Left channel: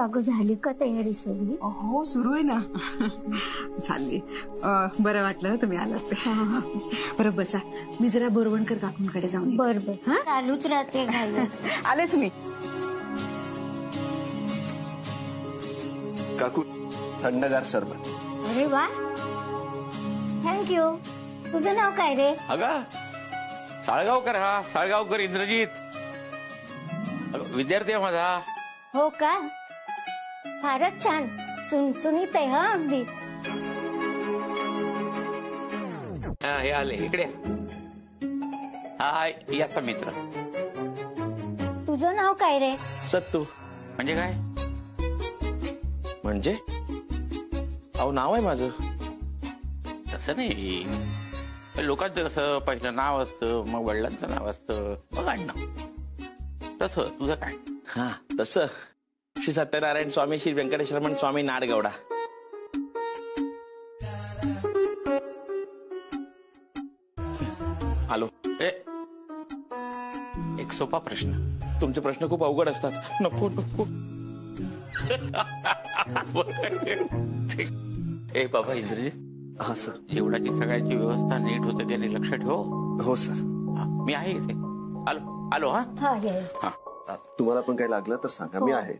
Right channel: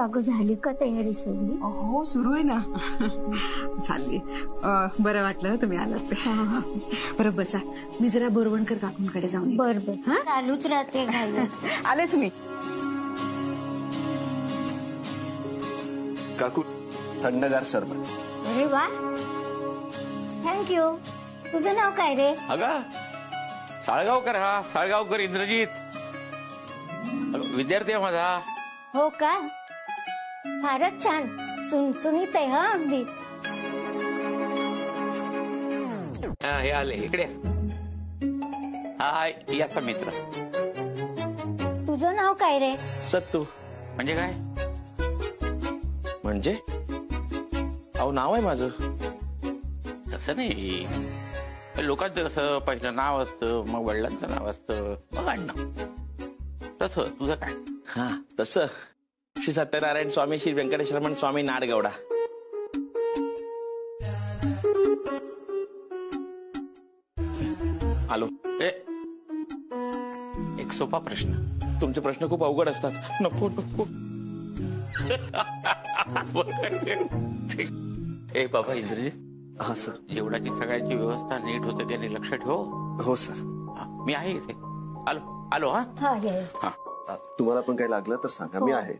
अगं झाली का तयारी सगळी? हो सुरू आहे ना. चालली. बरं वाटलं तुम्ही आलात. बरं बसा, मी जरा बोरवणकर काकूंकडे जाऊन. बर बर, चालूच राहते घाई. आलेच मी. काकू थंडगार सरबत. अरे वा, थँक्यू. तुझं नाव काय रे? अगं साळगावकर, हा साळगावकर इंद्रजीत. विद्यार्थी आहे माझा. हो का, फारच छान. चुणचुणीत आहे हा अगदी. हे आले इकडे. हा याचा मित्र. तुझं नाव काय रे? सत्तू. म्हणजे काय? म्हणजे अहो नाव आहे माझं. तसं नाही, लोकांचं कसं पहिलं नाव असतं, मग वडिलांचं नाव असतं, मग आडनाव. तसं तुझं काय? हा तसं श्री सत्यनारायण स्वामी श्री व्यंकटेश्वरमण स्वामी नाडगौडा. आलो. एक सोपा प्रश्न. तुमचे प्रश्न खूप अवघड असतात. नको नको. ए बाबा इंद्रजित. हा सर. जेवणाची सगळ्यांची व्यवस्था नीट होते त्याने लक्ष ठेव. हो सर. मी आहे इथे. आलो आलो. हा हा, तुम्हाला पण काही लागलं तर सांगा, मी आहे.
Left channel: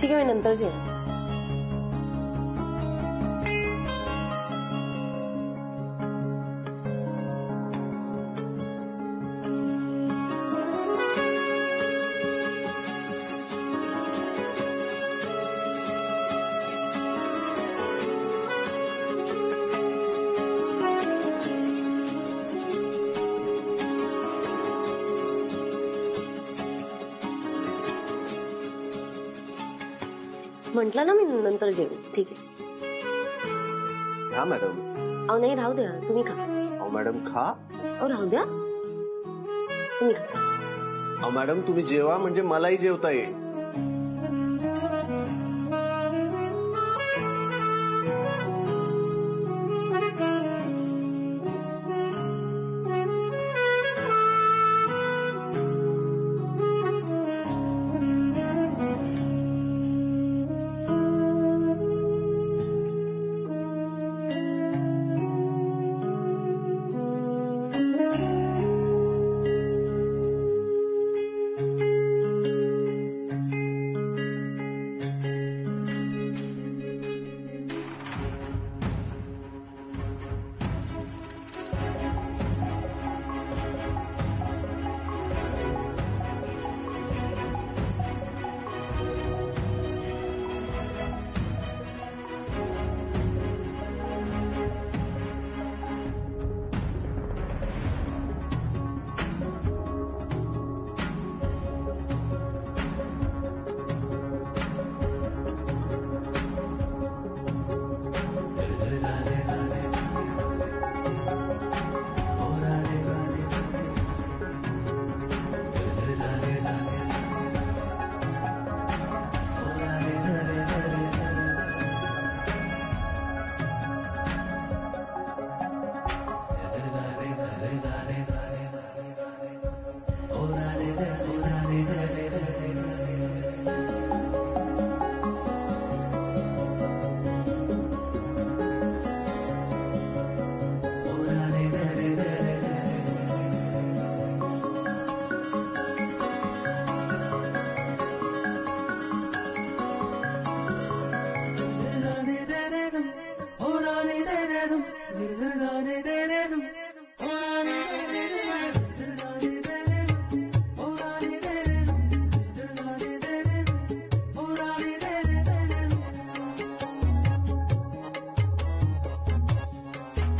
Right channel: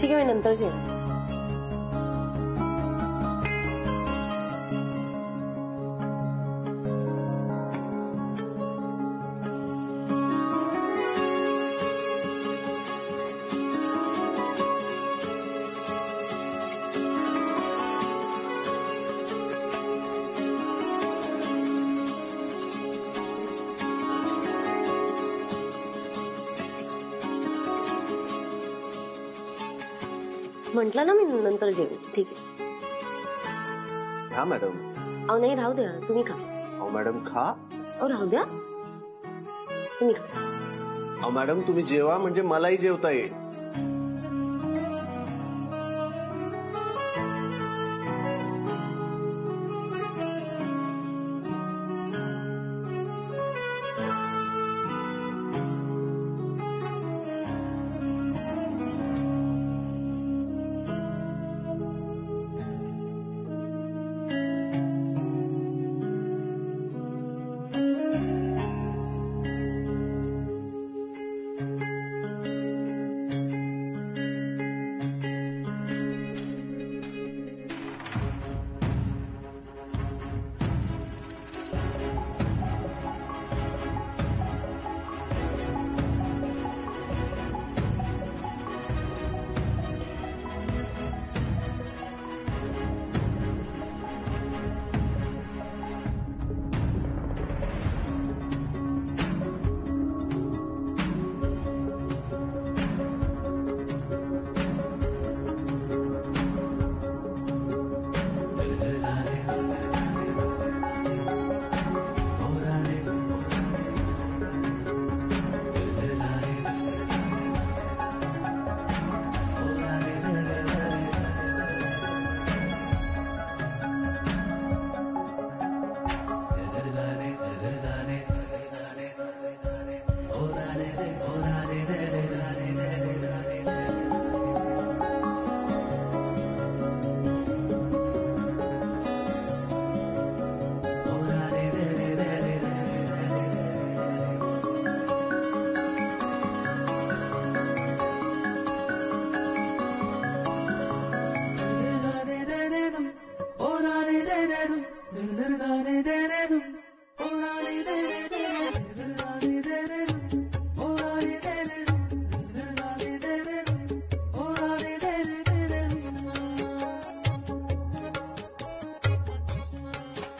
ठीक आहे, मी नंतर जेवेन. म्हटलं ना मी नंतर जेवेन. ठीक आहे. खा मॅडम. अहो नाही, राहू द्या, तुम्ही खा. अहो मॅडम खा. अहो राहू द्या, तुम्ही खा. अहो मॅडम तुम्ही जेवा म्हणजे मलाही जेवता येईल.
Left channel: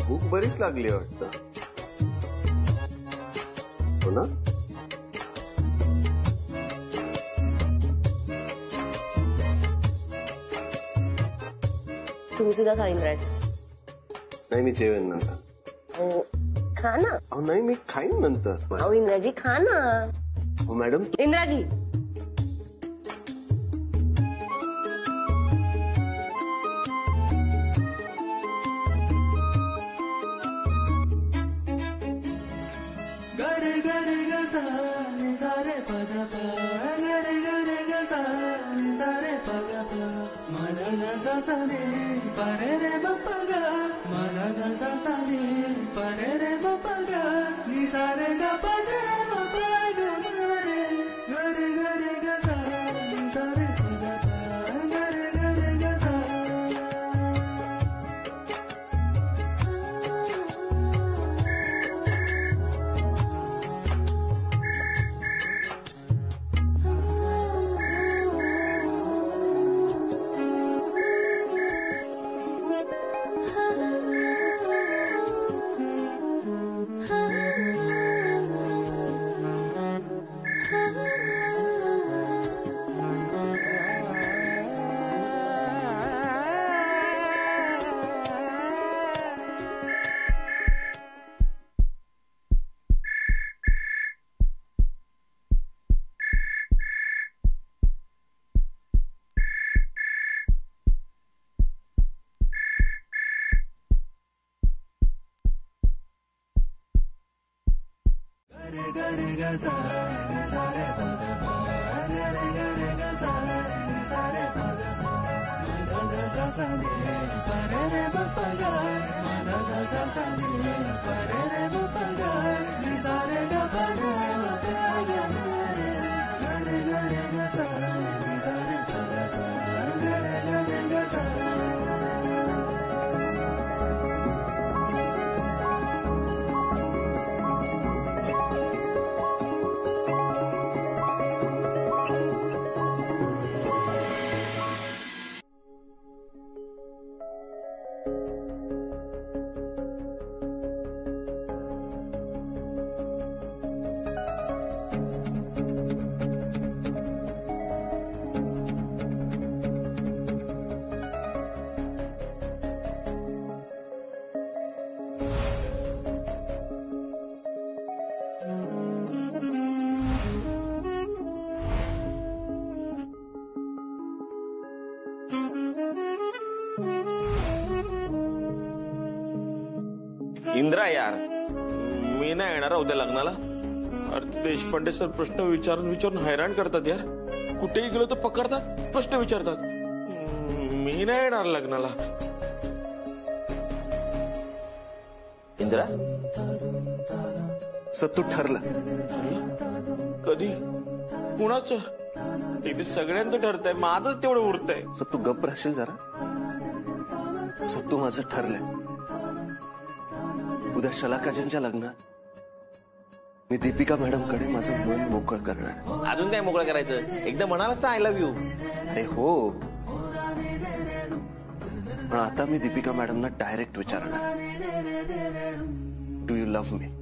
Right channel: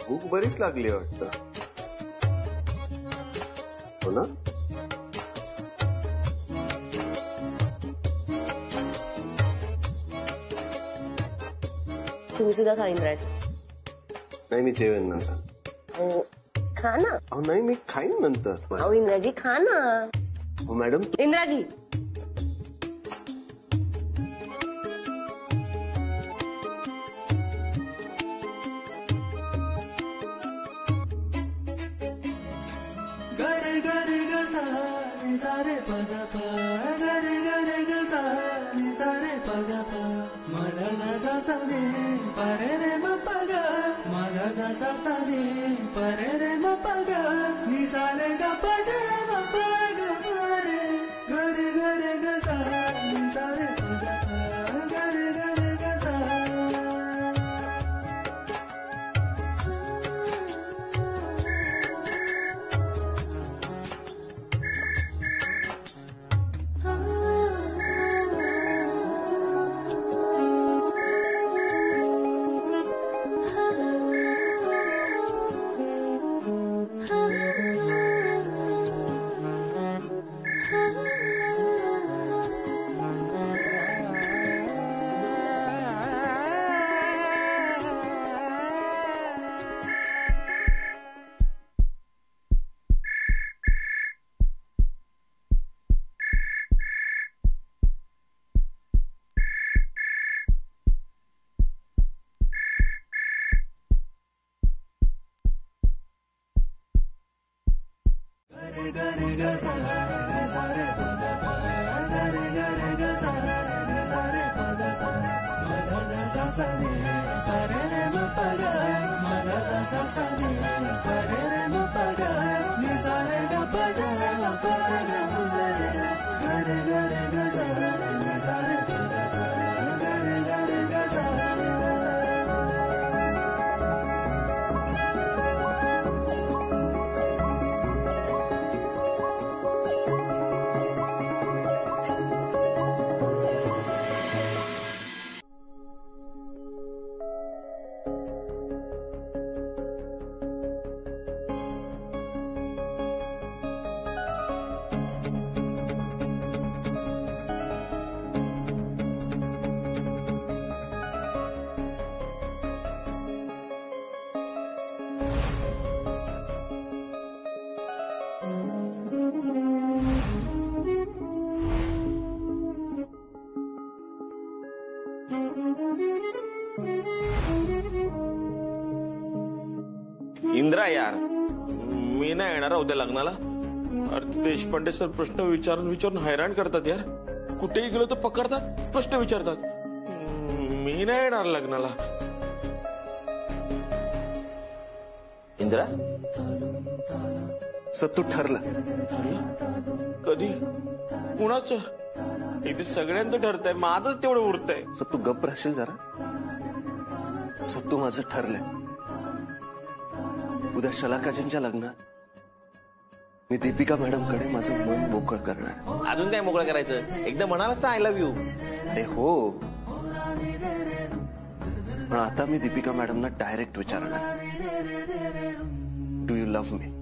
भूक बरीच लागली वाटतं. हो ना? तुम्ही सुद्धा खा इंद्राजी. नाही मी जेवेन नंतर. हो खा ना. अहो नाही मी खाईन नंतर. अहो इंद्राजी खा ना. हो मॅडम. इंद्राजी गरे गरे गसा नि सारे पद प गरे गरे गसा नि सारे पद प मन न सा सा ने परे रे म प ग मन न सा सा ने परे रे म प ग नि सारे ग प रे म प ग म रे गरे गरे गसा नि सारे पद प गरे गरे गसा. ग रे ग सा नि सा रे प द प ग रे ग सा नि सा रे प द प म ध द सा सा नि प रे रे म प ग म ध द सा सा नि प रे रे म प ग नि सा रे ग प ग म प ग ग रे ग सा नि सा रे प द प ग रे ग सा. इंद्रा यार, मी नाही येणार उद्या लग्नाला. अरे देशपांडे सर प्रश्न विचारून विचारून हैराण करतात यार. कुठेही गेलो तर पकडतात, प्रश्न विचारतात. मी नाही येणार लग्नाला. इंद्रा सत्तू ठरलं. कधी? कुणाचं? इथे सगळ्यांचं ठरतंय, माझंच तेवढं उरतंय. सत्तू गप्प राहशील जरा. सत्तू माझं ठरलंय. उद्या शलाकाजींच्या लग्नात मी दीपिका मॅडमकडे माझं मन मोकळं करणार. अजून काय मोकळं करायचं? एकदा म्हणालाच ना आय लव्ह यू. अरे हो, पण आता मी दीपिका मॅडमना डायरेक्ट विचारणार, डू यू लव्ह मी?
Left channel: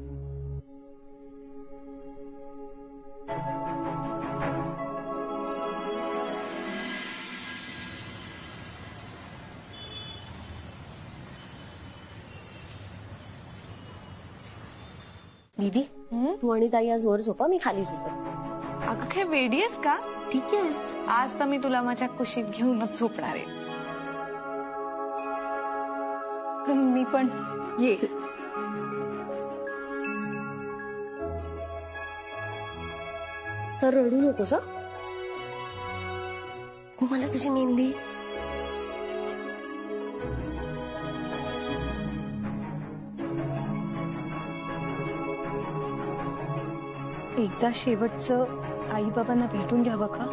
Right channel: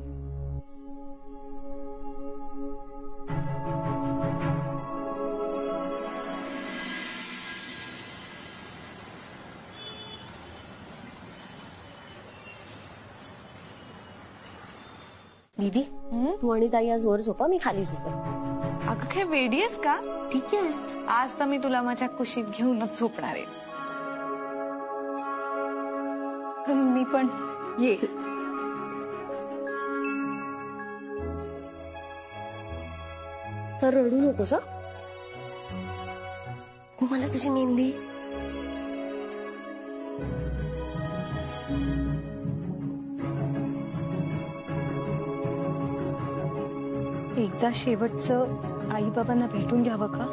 दीदी तू आणि ताई आज वर झोपा, मी खाली झोपा. अगं काय वेडी आहेस का? ठीक आहे. आज तर मी तुला माझ्या कुशीत घेऊनच झोपणार आहे. मी पण ये. तर रडू नकोस हं? मला तुझी मेहंदी. एकदा शेवटचं आई बाबांना भेटून घ्यावं का?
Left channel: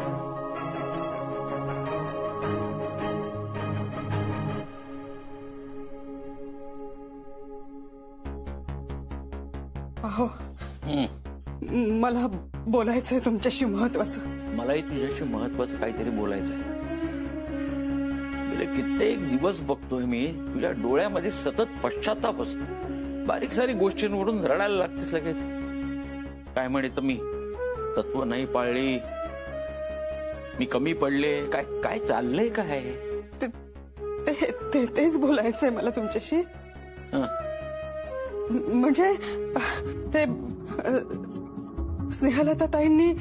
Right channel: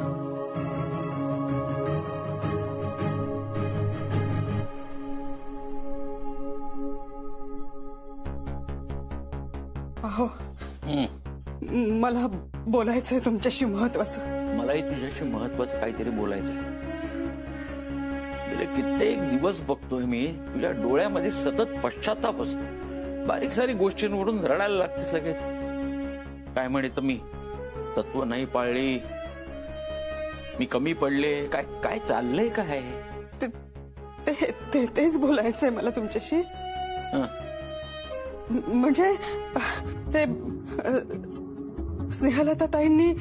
अहो, मला बोलायचंय तुमच्याशी महत्वाचं. मलाही तुझ्याशी महत्वाचं काहीतरी बोलायचंय. गेले कित्येक दिवस बघतोय मी तुझ्या डोळ्यामध्ये सतत पश्चाताप असतो. बारीक सारी गोष्टींवरून रडायला लागतेस लगेच. काय म्हणत मी तत्व नाही पाळली, मी कमी पडले, काय काय चाललंय काय? तेच बोलायचंय मला तुमच्याशी. म्हणजे ते स्नेहलता ताईंनी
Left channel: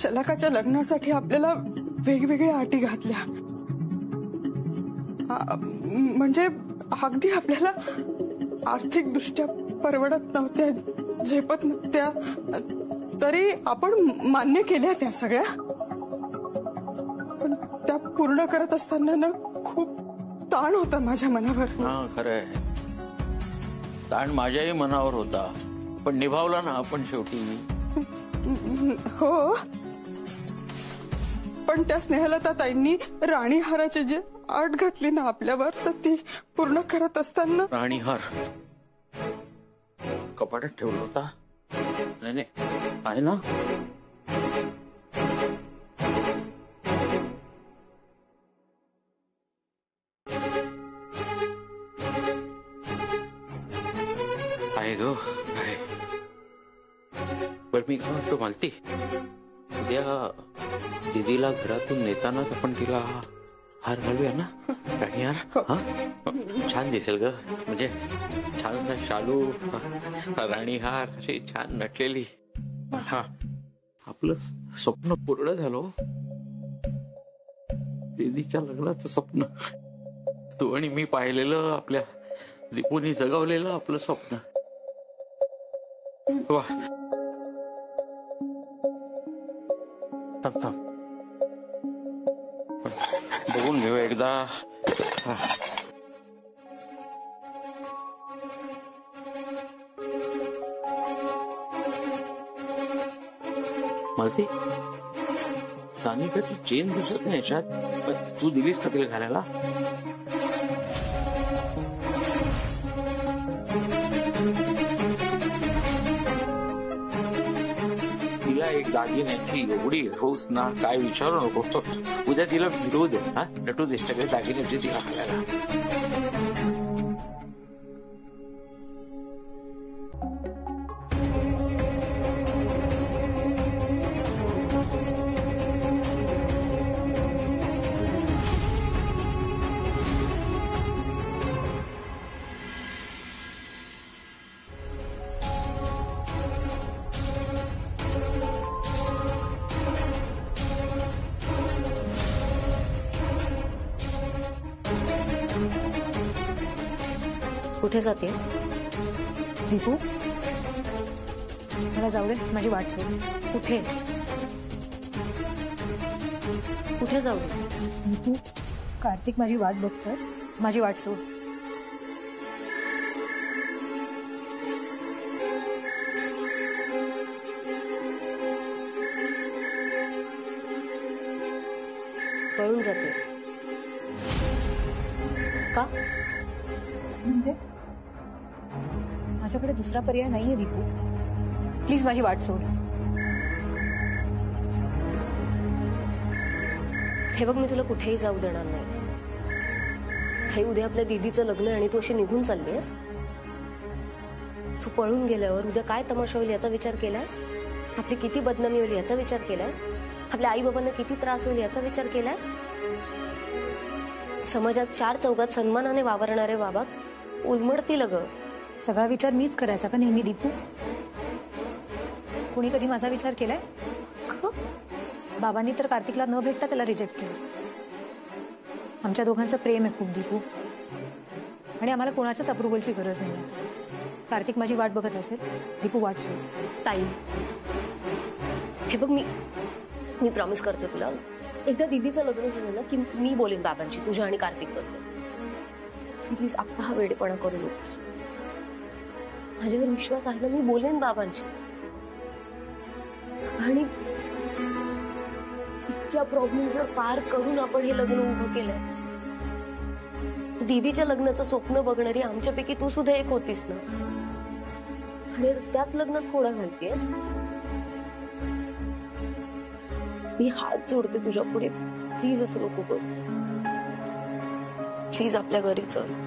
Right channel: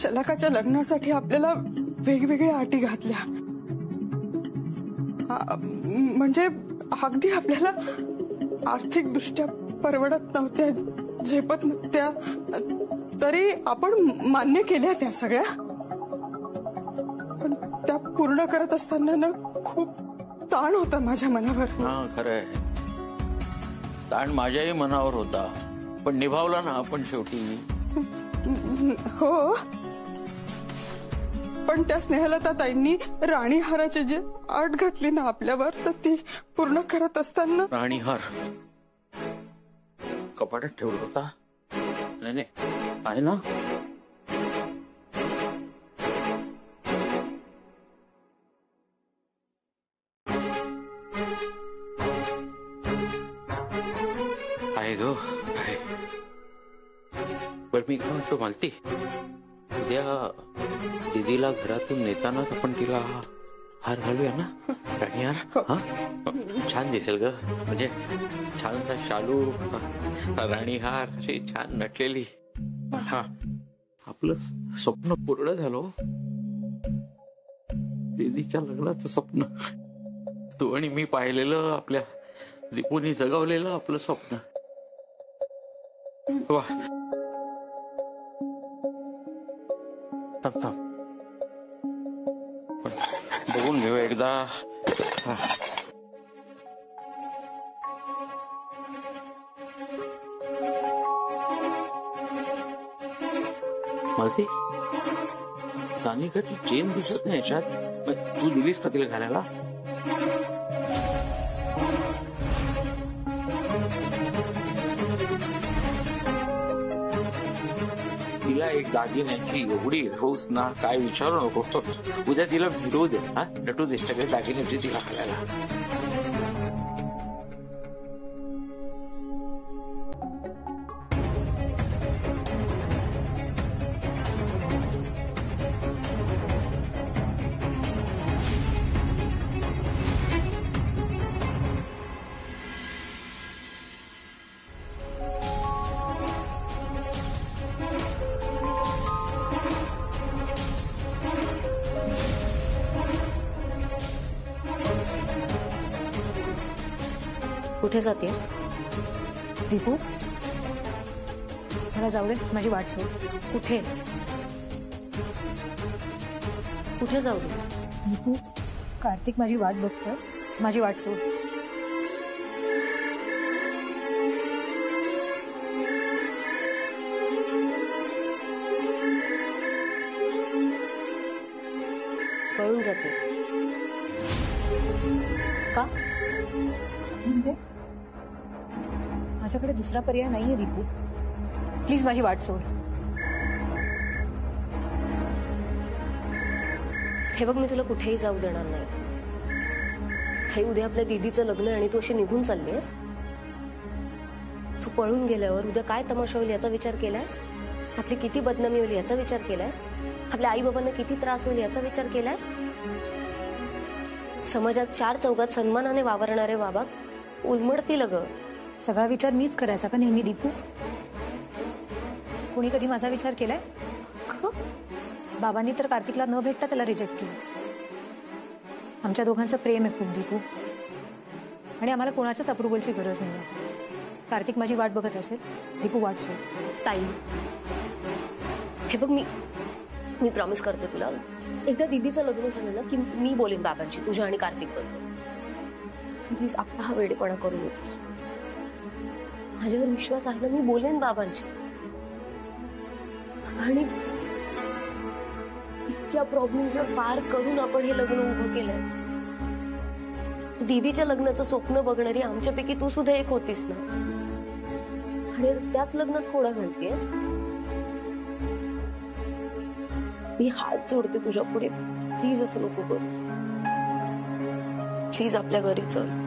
शलाकाच्या लग्नासाठी आपल्याला वेगवेगळ्या अटी घातल्या. म्हणजे अगदी आपल्याला आर्थिक दृष्ट्या परवडत नव्हत्या, झेपत नव्हत्या, तरी आपण मान्य केल्या त्या सगळ्या. पण त्या पूर्ण करत असताना ना खूप ताण होता माझ्या मनावर. हा खरंय, ताण माझ्याही मनावर होता, पण निभावला ना आपण शेवटी. हो, पण त्या स्नेहलता ताईंनी राणीहाराची जी अट घातली ना आपल्यावर, तर ती पूर्ण करत असताना. राणीहार कपाटात ठेवला होता? नाही नाही, आहे ना. आहे गो, आहे. बरं मी काय म्हणतो मालती, उद्या दीदीला घरातून नेतानाच आपण तिला हार घालूया ना, राणीहार. हा छान दिसेल ग, म्हणजे छानसा शालू, राणीहार, अशी छान नटलेली. हा आपलं स्वप्न पूर्ण झालं. दीदीच्या लग्नाचं स्वप्न तू आणि मी पाहिलेलं, आपल्या दीपूनी जगवलेलं आपलं स्वप्न. वा थांब थांब बघून घेऊ एकदा. मालती सानिकाची चेन दिसत नाही याच्यात. तू दिलीस का तिला घालायला? तिला एक दागिन्याची एवढी हौस ना, काय विचारू नको. उद्या तिला भेटू दे, हा भेटू दे. सगळे दागिने दे तिला घालायला. कुठे जातेस दीपू? मला जाऊ दे, माझी वाट सोड. कुठे कुठे जाऊ दे? दीपू, कार्तिक माझी वाट बघतोय, माझी वाट सोड. पळून जातेस का? म्हणजे माझ्याकडे दुसरा पर्याय नाहीये दीपू. प्लीज माझी वाट सोड. हे बघ, मी तुला कुठेही जाऊ देणार नाही. हे उद्या आपल्या दीदीचं लग्न आणि तू अशी निघून चाललीस. तू पळून गेल्यावर उद्या काय तमाशा होईल याचा विचार केलास? आपली किती बदनामी होईल याचा विचार केलास? आपल्या आई बाबांना किती त्रास होईल याचा विचार केलास? समाजात चार चौघात सन्मानाने वावरणारे बाबा उलमडतील ग. सगळा विचार मीच करायचा का नेहमी दीपू? कोणी कधी माझा विचार केलाय? बाबांनी तर कार्तिकला न भेटता त्याला रिजेक्ट केलं. आमच्या दोघांचं प्रेम आहे खूप दीपू, आणि आम्हाला कोणाच्याच अप्रुव्हलची गरज नाही आता. कार्तिक माझी वाट बघत असेल. दीपू वाट सोड. ताई, हे बघ, मी प्रॉमिस करते तुला, एकदा दीदीचं लग्न झालं ना की मी बोलेन बाबांची तुझ्या आणि कार्तिक बद्दल. प्लीज आता हा वेडेपणा करू नकोस. माझ्यावर विश्वास आहे ना, मी बोलेन बाबांची. आणि इतक्या प्रॉब्लेम्सवर पार करून आपण हे लग्न उभं केलंय. दीदीच्या लग्नाचं स्वप्न बघणारी आमच्यापैकी तू सुद्धा एक होतीस ना, आणि त्याच लग्नात खोडा घालतेस. मी हात जोडते तुझ्या पुढे, प्लीज असं नको करू. प्लीज आपल्या घरी चल.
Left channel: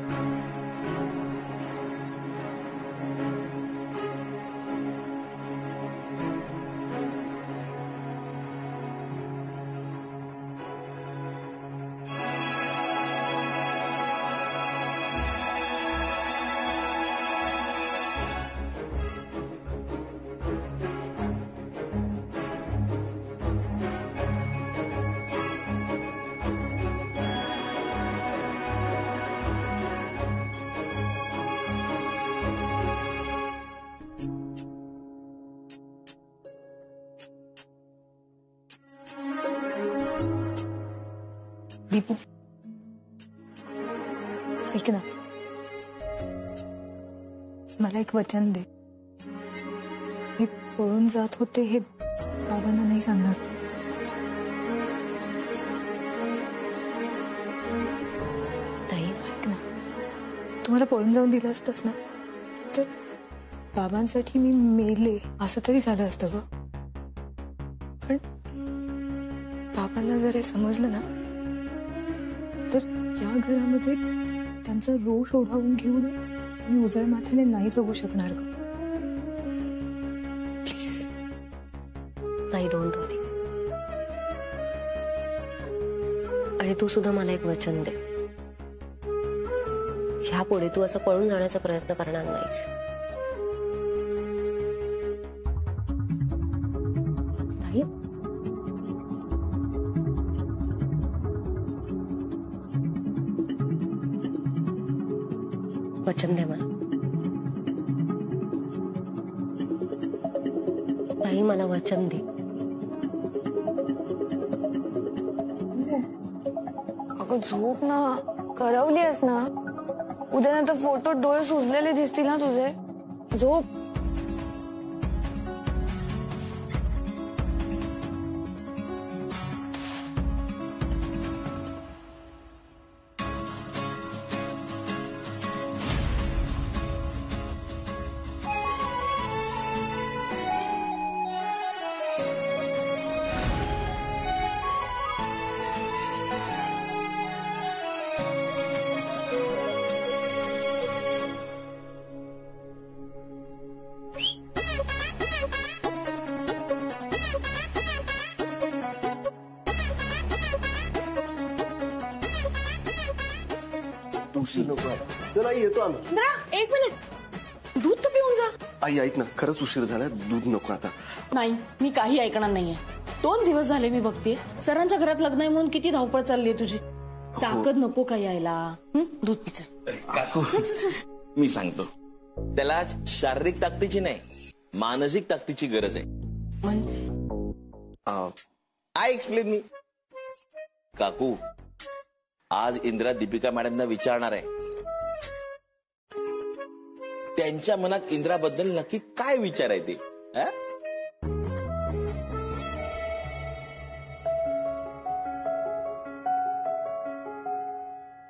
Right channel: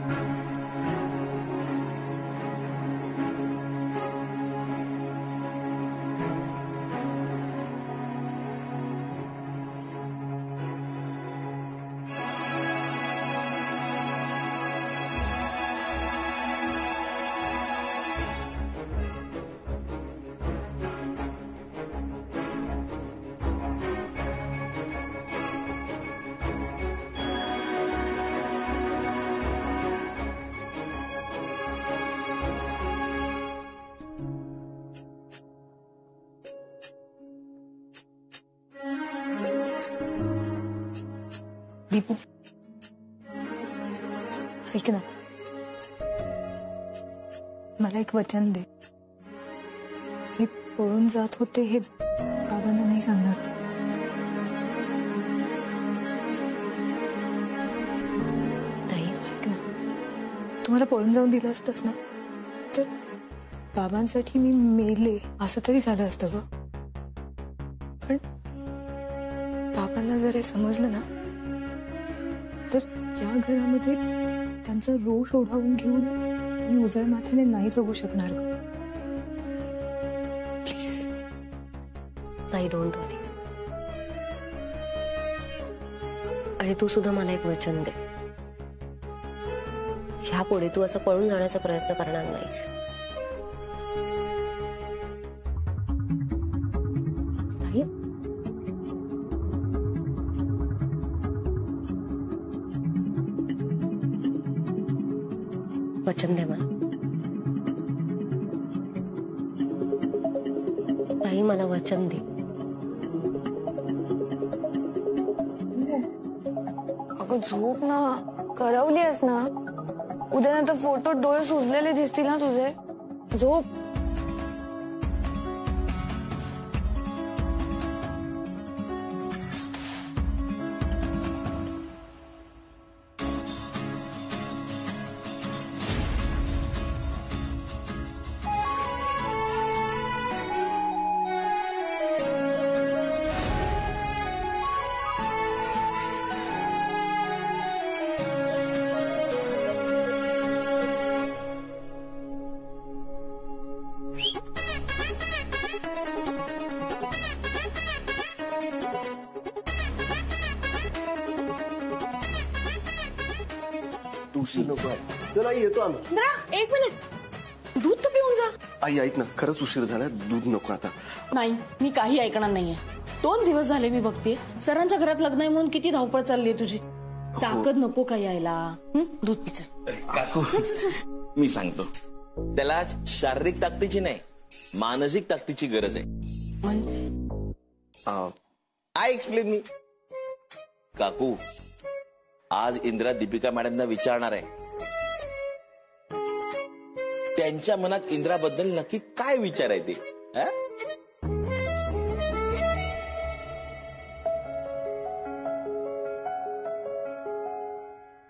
दीपू, ऐक ना, मला एक वचन दे. मी पळून जात होते हे बाबांना नाही सांगणार तू. ताई, ऐक ना, तू मला पळून जाऊन दिलं असतंस ना, तर बाबांसाठी मी मेले असं तरी झालं असतं ग. पण बाबांना जर हे समजलं ना, तर या घरामध्ये त्यांचा रोष ओढावून घेऊन मी उजळ माथ्याने नाही जगू शकणार ग. प्लीज. ताई, डोंट वरी. आणि तू सुद्धा मला एक वचन दे, ह्यापुढे तू असं पळून जाण्याचा प्रयत्न करणार नाहीस. ताई, वचन दे मला. आई मला वचन दे. अगं झोप ना, करवलीस ना. उद्या नंतर फोटो डोळे सुजलेले दिसतील ना तुझे. झोप. उशीर नको आहे. चल आई येतो आम्ही. इंद्रा, एक मिनिट, दूध तर पिऊन जा. आई ऐक ना, खरंच उशीर झाला, दूध नको आता. नाही, मी काही ऐकणार नाहीये. 2 दिवस झाले मी बघते सरांच्या घरात लग्न आहे म्हणून किती धावपळ चालली आहे तुझी. ताकद नको काय यायला. दूध पिचं. काकू मी सांगतो, त्याला आज शारीरिक ताकदीची नाही मानसिक ताकदीची गरज आहे. I explain me. काकू आज इंदिरा दीपिका मॅडमना विचारणार आहे त्यांच्या मनात इंदिराबद्दल नक्की काय विचार आहे ते.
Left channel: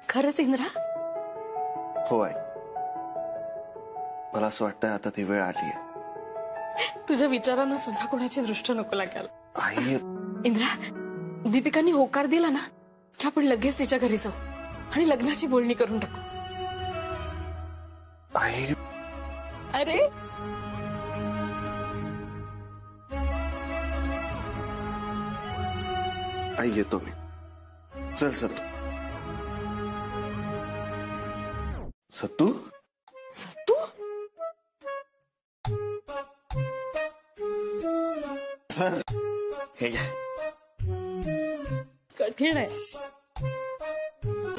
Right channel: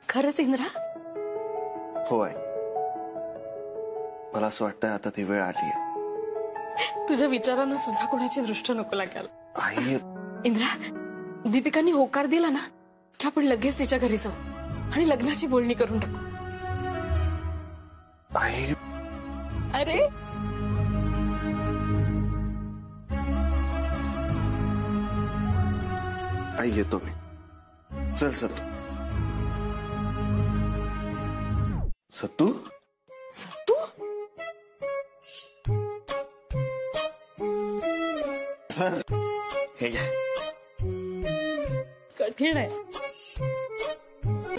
खरंच इंदिरा? हो आहे. मला असं वाटतंय आता ती वेळ आली आहे. तुझ्या विचारांना सुद्धा कोणाची दृष्टी नको लागायला. आई इंदिरा, दीपिकानी होकार दिला ना की आपण लगेच तिच्या घरी जाऊ आणि लग्नाची बोलणी करून टाकू. आई अरे आई येतो मी. चल सत्तू. सत्तू सत्तू चल. हे घ्या. कठीण आहे.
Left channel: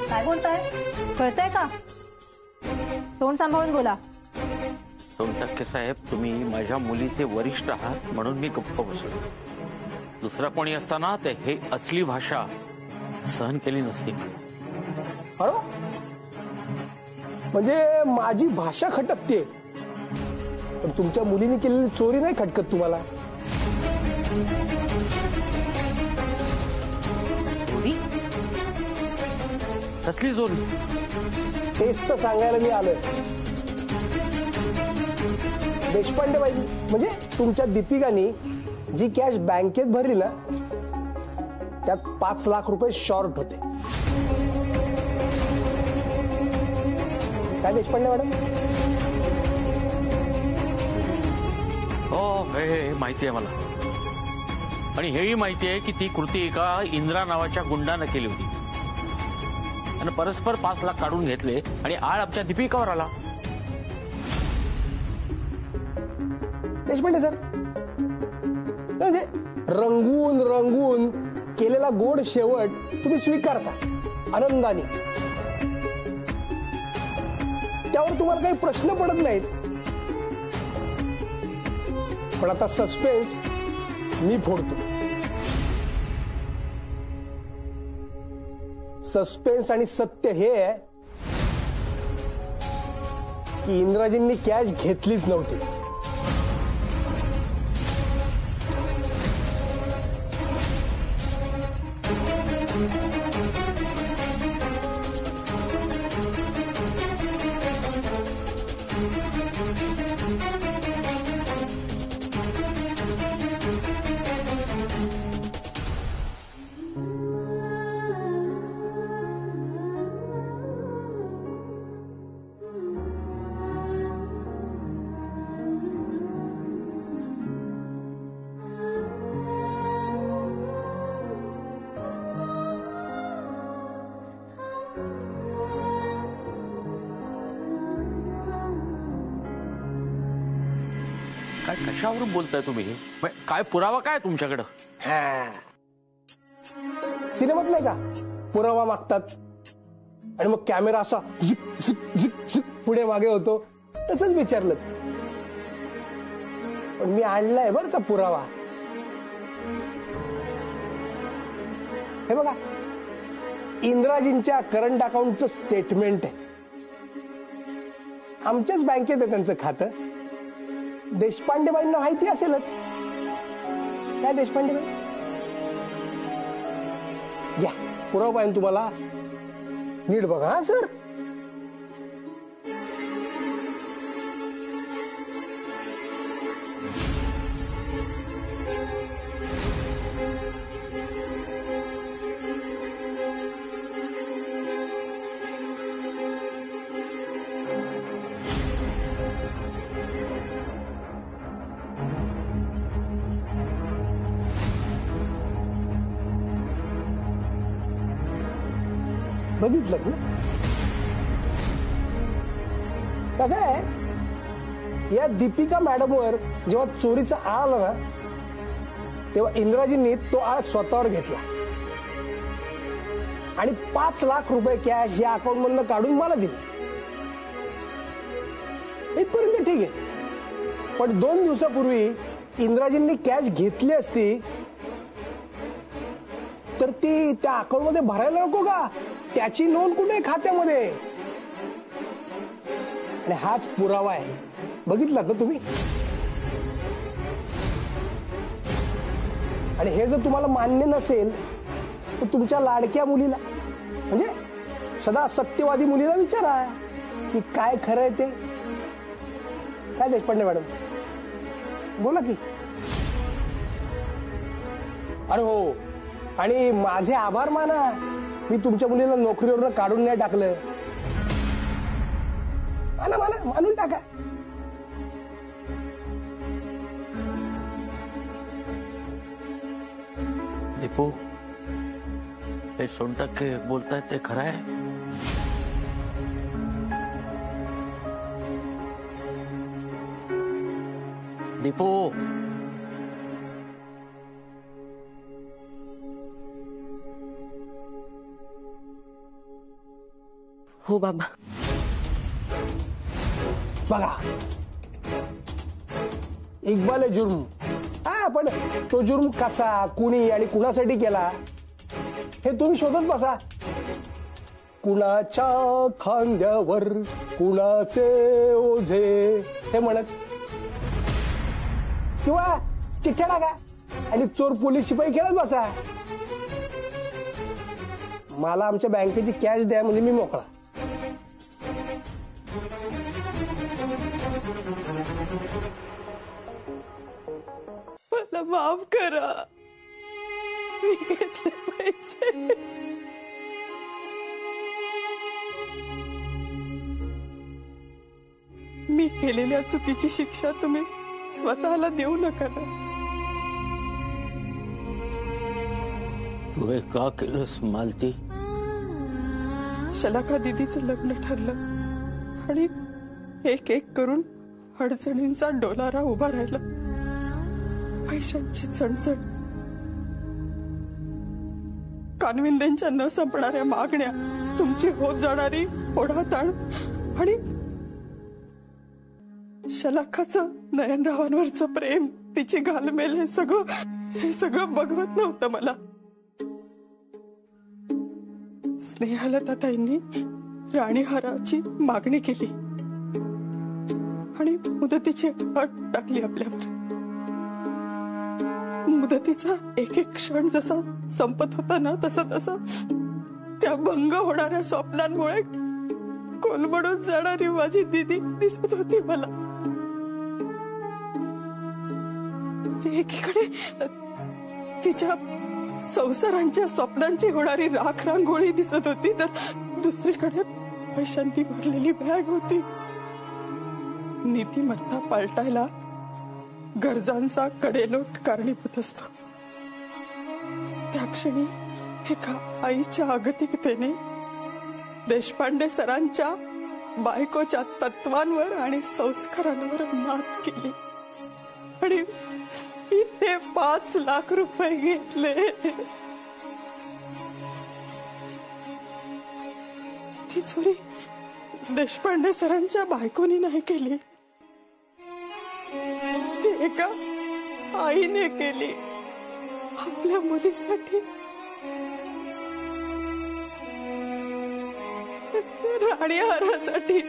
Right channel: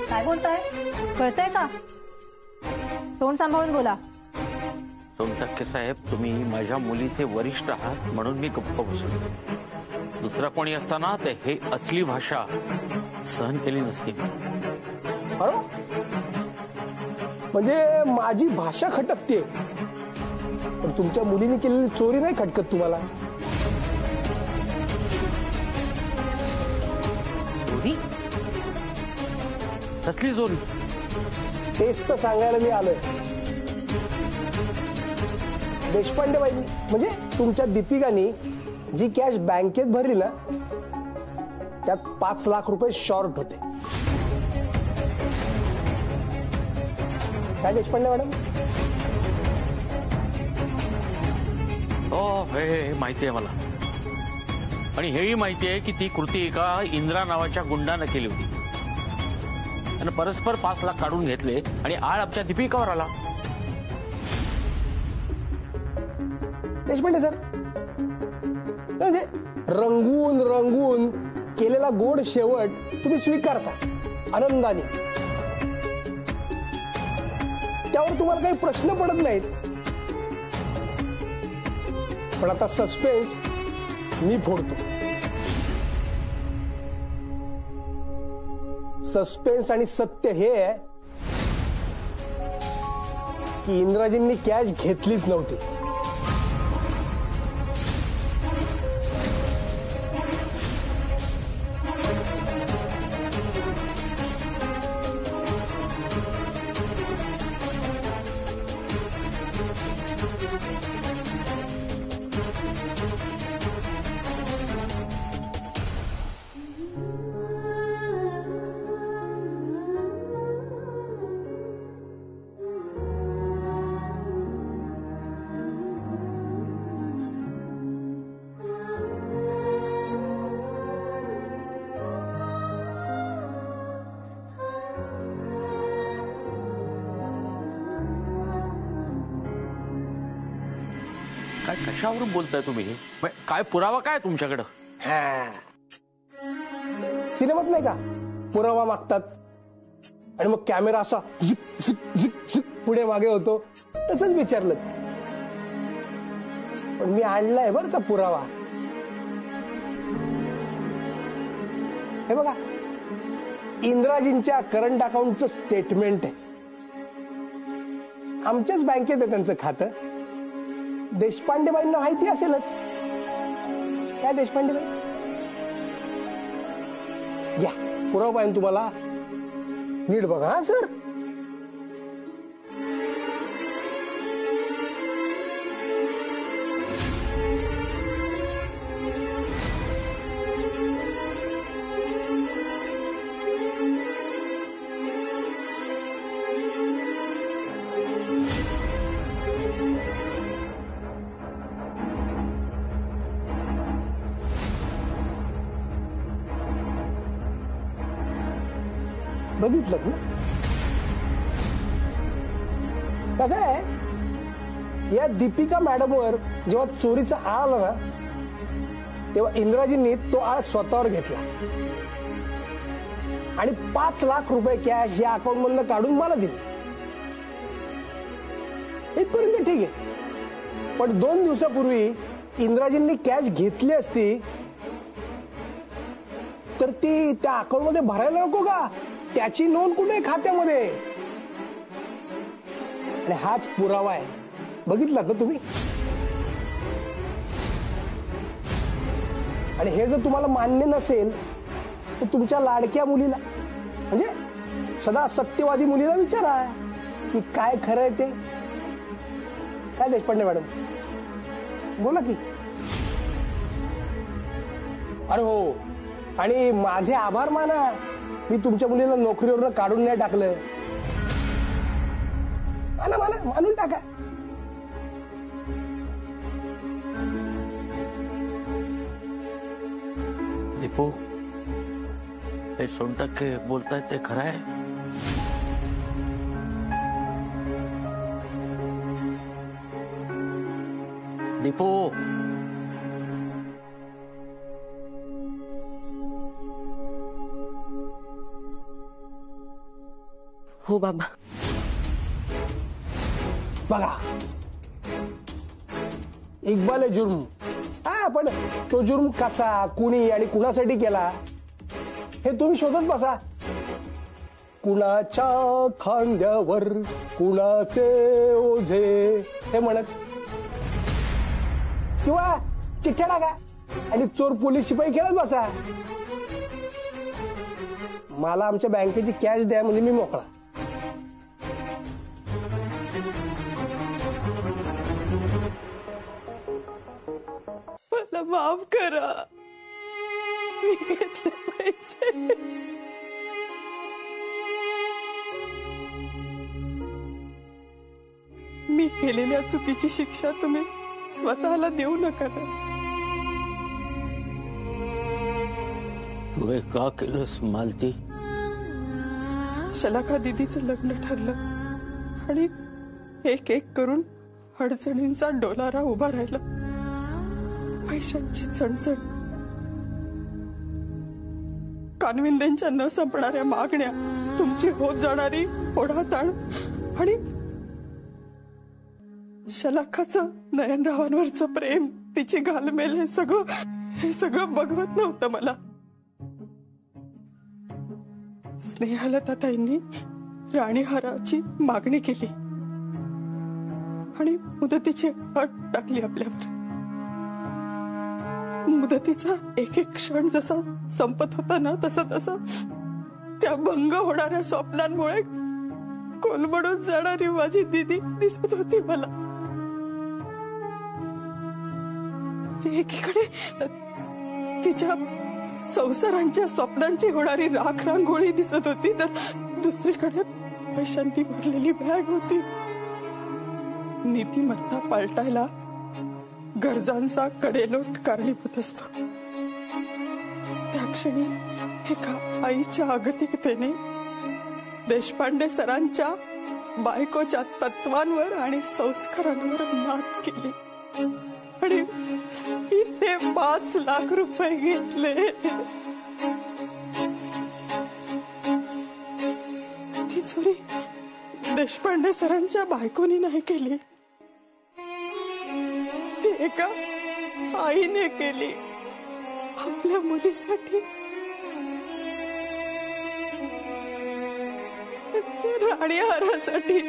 काय बोलताय? कळतंय का? तोंड सांभाळून बोला. सोनटक्के साहेब, तुम्ही माझ्या मुलीचे वरिष्ठ आहात म्हणून मी गप्प बसलो. दुसरा कोणी असताना ते हे असली भाषा सहन केली नसती. अरे म्हणजे माझी भाषा खटकते, पण तुमच्या मुलीने केलेली चोरी नाही खटकत तुम्हाला? चोरी? कसली चोरी? तेच तर सांगायला मी आलोय. देशपांडे बाई म्हणजे तुमच्या दीपिकानी जी कॅश बँकेत भरली ना त्यात 5 लाख रुपये शॉर्ट होते. काय देशपांडे मॅडम? हो, हे माहिती आहे मला. आणि हेही माहिती आहे की ती कृती एका इंदिरा नावाच्या गुंडानं केली होती आणि परस्पर 5 लाख काढून घेतले आणि आळ आमच्या दीपिकावर आला. देशपांडे सर, म्हणजे रंगून रंगून केलेला गोड शेवट तुम्ही स्वीकारता आनंदाने. त्यावर तुम्हाला काही प्रश्न पडत नाहीत. पण आता सस्पेन्स मी फोडतो. सस्पेन्स आणि सत्य हे आहे की इंदिराजींनी कॅश घेतलीच नव्हती. काय कशावरून बोलताय तुम्ही? काय पुरावा काय तुमच्याकडं? सिनेमात नाही का पुरावा मागतात आणि मग कॅमेरा असा झिक झिक झिक झिक पुढे मागे होतो, तसंच विचारलं. पण मी आणलाय बरं का पुरावा. हे बघा, इंद्राजींच्या करंट अकाउंटचं स्टेटमेंट आहे. आमच्याच बँकेत आहे त्यांचं खातं. देशपांडेबाईंना माहिती असेलच. काय देशपांडेबाई? घ्या पुरावा पाहिजे तुम्हाला, नीट बघा. हा सर, बघितलं ना. कसं आहे, या दीपिका मॅडमवर जेव्हा चोरीचा आळ आला ना, तेव्हा इंद्राजींनी तो आळ स्वतःवर घेतला आणि 5 लाख रुपये कॅश या अकाउंट मधनं काढून मला दिली. इथपर्यंत ठीक आहे. पण 2 दिवसापूर्वी इंद्राजींनी कॅश घेतली असती तर ती त्या अकाउंट मध्ये भरायला नको का? त्याची नोंद कुठे खात्यामध्ये? आणि हाच पुरावा आहे. बघितला का तुम्ही? आणि हे जर तुम्हाला मान्य नसेल तर तुमच्या लाडक्या मुलीला, म्हणजे सदा सत्यवादी मुलीला विचारा की काय खरं आहे ते. काय देशपांडे मॅडम, बोला की. अरे हो, आणि माझे आभार माना, मी तुमच्या मुलीला नोकरीवरनं काढून नाही टाकलं. माना माना, मानून टाका. दीपू, हे सोनटक्के बोलतायत ते खरं आहे? दीपू, हो बाबा. बघा, इक्बाल आहे जुर्म. हा, पण तो जुर्म कसा, कुणी आणि कुणासाठी केला हे तुम्ही शोधत बसा. कुणाच्या खांद्यावर कुणाचे ओझे हे म्हणत, किंवा चिठ्ठ्या टाका आणि चोर पोलीस शिपाई खेळत बसा. मला आमच्या बँकेची कॅश द्या म्हणजे मी मोकळा. मला माफ करा, मी घेतले पैसे. मी केलेल्या चुकीची शिक्षा तुम्ही स्वतःला देऊ नका ना. तू हे का केलंस मालती? शलाका दीदीचं लग्न ठरलं आणि एक एक करून अडचणींचा डोलारा उभा राहिला. पैशांची चणचण, कानविंदेंच्या न संपणाऱ्या मागण्या, तुमची होत जाणारी ओढाताण आणि शलाखाचं नयनरावांवरचं प्रेम, तिची घालमेल, हे सगळं बघवत नव्हतं मला. स्नेहालता ताईंनी राणीहाराची मागणी केली आणि मुदतीची अट टाकली आपल्यावर. मुदतीचा एक एक क्षण जसा संपत होता ना, तसा त्या भंग होणाऱ्या स्वप्नांमुळे कोलमडून जाणारी माझी दीदी दिसत होती मला. एकीकडे तिच्या संसारांच्या स्वप्नांची होणारी राख रांगोळी दिसत होती, तर दुसरीकडे पैशांनी भरलेली बॅग होती. नीतिमत्ता पालटायला गरजांचा कडेलोट कारणीभूत असतो. त्या क्षणी एका आईच्या अगतिकतेने देशपांडे सरांच्या बायकोच्या तत्वांवर आणि संस्कारांवर मात केली आणि इथे 5 लाख रुपये घेतले. ती चोरी देशपांडे सरांच्या बायकोनी नाही केली. एका आईने केली आपल्या मुलीसाठी, राणी हारासाठी.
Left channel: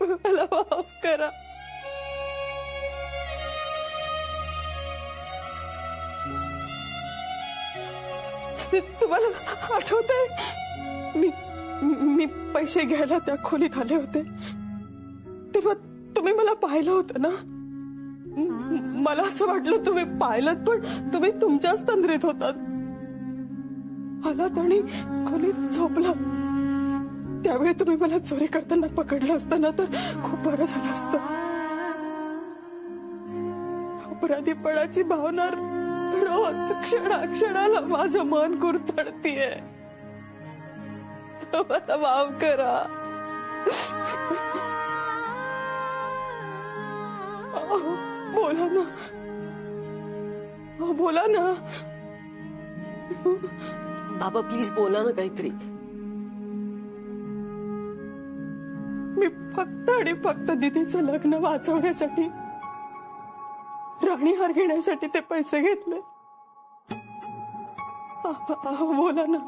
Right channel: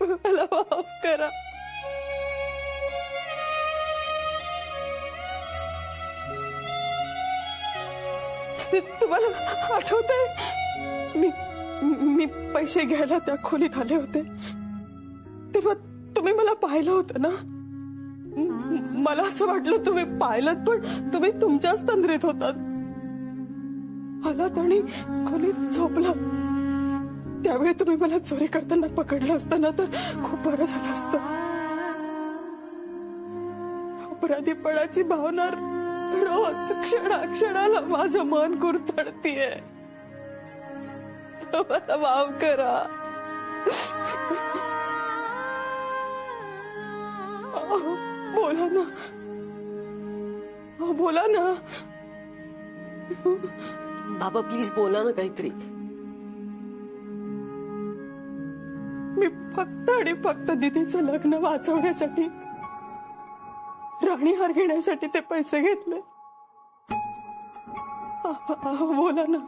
मला माफ करा. तुम्हाला आठवतंय मी पैसे घ्यायला त्या खोलीत आले होते तेव्हा तुम्ही मला पाहिलं होतं ना? मला असं वाटलं तुम्ही पाहिलं, पण तुम्ही तुमच्याच तंद्रीत होतात. आलात आणि खोलीत झोपला. त्यावेळी तुम्ही मला चोरी करताना पकडलं असतं ना तर खूप बरं झालं असतं. अपराधीपणाची भावना रोज क्षणाक्षणाला माझं मन कुरतडतीये. मला माफ करा. बोला ना, बोला ना. बाबा प्लीज बोला ना काहीतरी. मी फक्त आणि फक्त दीदीचं लग्न वाचवण्यासाठी, राणी हार घेण्यासाठी ते पैसे घेतले. बोला ना,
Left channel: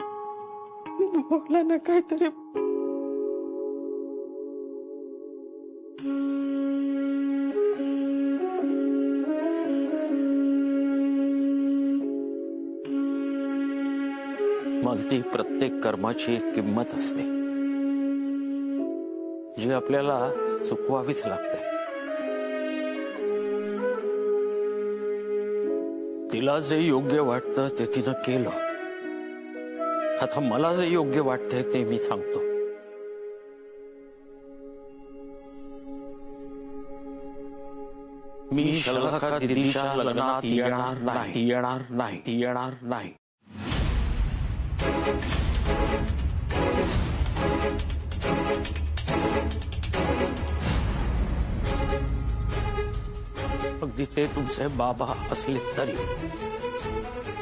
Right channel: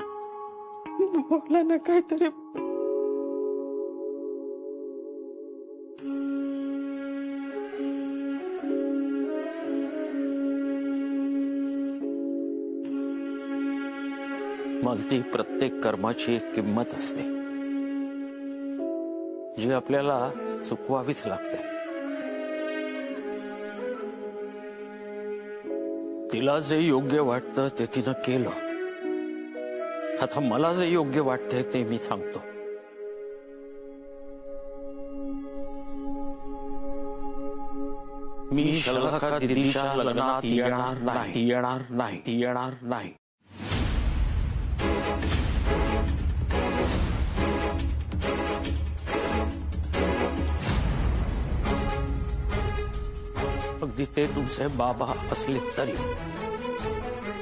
बोला ना काहीतरी. मग प्रत्येक कर्माची एक किंमत असते जी आपल्याला चुकवावीच लागते. तिला जे योग्य वाटतं ते तिनं केलं. आता मला जे योग्य वाटतंय ते मी सांगतो. मी शलाका दीदीच्या लग्नात येणार नाही. अगदी ते तुमचे बाबा असले तरी.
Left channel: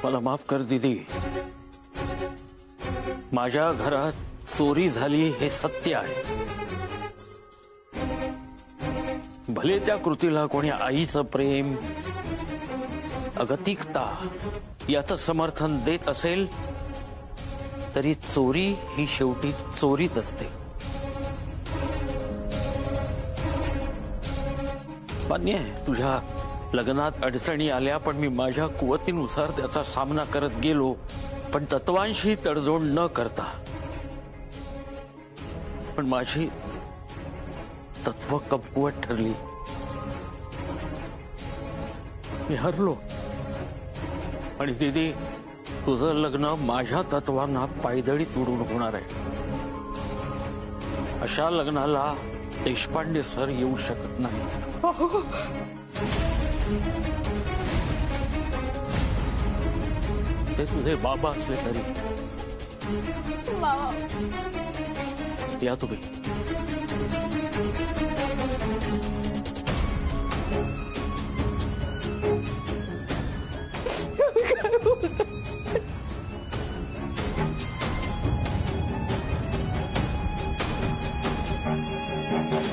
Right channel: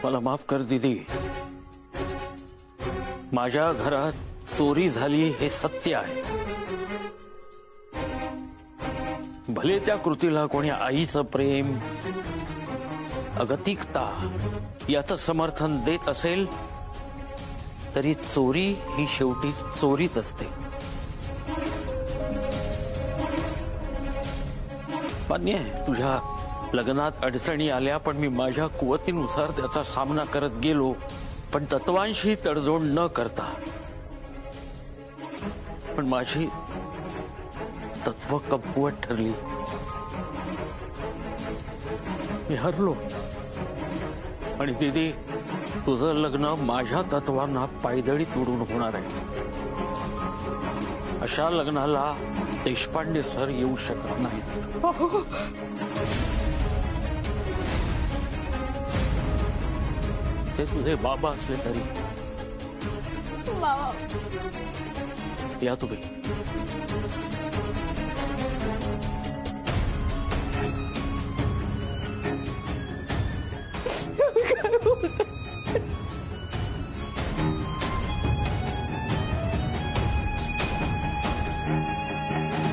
मला माफ कर दीदी. माझ्या घरात चोरी झाली हे सत्य आहे. भले त्या कृतीला कोणी आईचं प्रेम, अगतिकता याचं समर्थन देत असेल तरी चोरी ही शेवटी चोरीच असते. मान्य आहे तुझ्या लग्नात अडचणी आल्या, पण मी माझ्या कुवतीनुसार त्याचा सामना करत गेलो, पण तत्वांशी तडजोड न करता. पण माझी तत्व कमकुवत ठरली. मी हरलो. आणि दीदी, तुझं लग्न माझ्या तत्वांना पायदळी तुडून होणार आहे. अशा लग्नाला देशपांडे सर येऊ शकत नाहीत. ते तुझे बाबा असले तरी. या तुम्ही. काय बोलताय?